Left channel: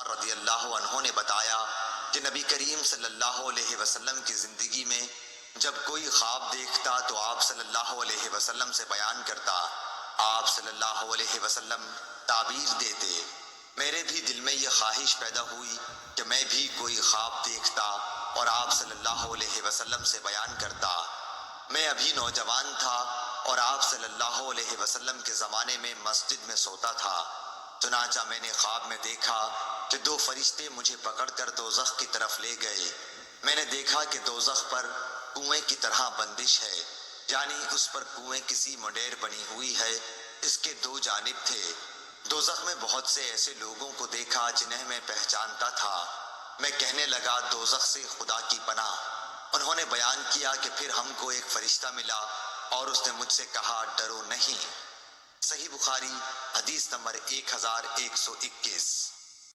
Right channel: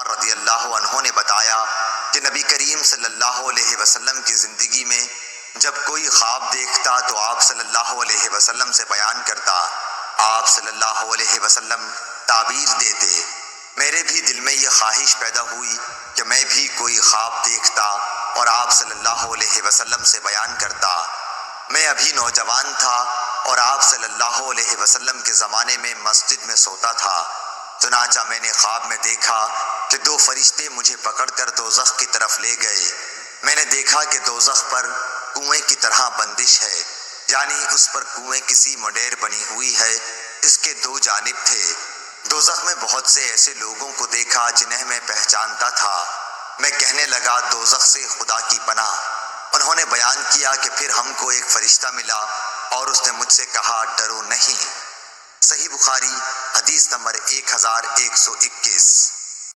عمر رضی اللہ عنہ نے بتایا کہ نبی کریم صلی اللہ علیہ وسلم کی زندگی میں جب کوئی خواب دیکھتا تو آپ صلی اللہ علیہ وسلم سے بیان کرتا، آپ صلی اللہ علیہ وسلم تعبیر دیتے۔ میرے بھی دل میں یہ خواہش پیدا ہوئی کہ میں بھی کوئی خواب دیکھتا اور آپ صلی اللہ علیہ وسلم سے بیان کرتا۔ میں ابھی نوجوان تھا اور آپ صلی اللہ علیہ وسلم کے زمانے میں مسجد میں سوتا تھا۔ چنانچہ میں نے خواب میں دیکھا کہ دو فرشتے مجھے پکڑ کر دوزخ کی طرف لے گئے۔ میں نے دیکھا کہ دوزخ پر کنویں کی طرح بندش ہے، یعنی اس پر کنویں کسی مڈیر بنی ہوئی ہے، اس کے دو جانب تھے۔ دوزخ میں بہت سے ایسے لوگوں کو دیکھا جنہیں میں پہچانتا تھا۔ میں کہنے لگا دوزخ سے خدا کی پناہ۔ انہوں نے بیان کیا کہ پھر ہم کو ایک فرشتہ ملا اور اس نے مجھ سے کہا ڈرو نہیں۔ صحیح بخاری حدیث نمبر 1121۔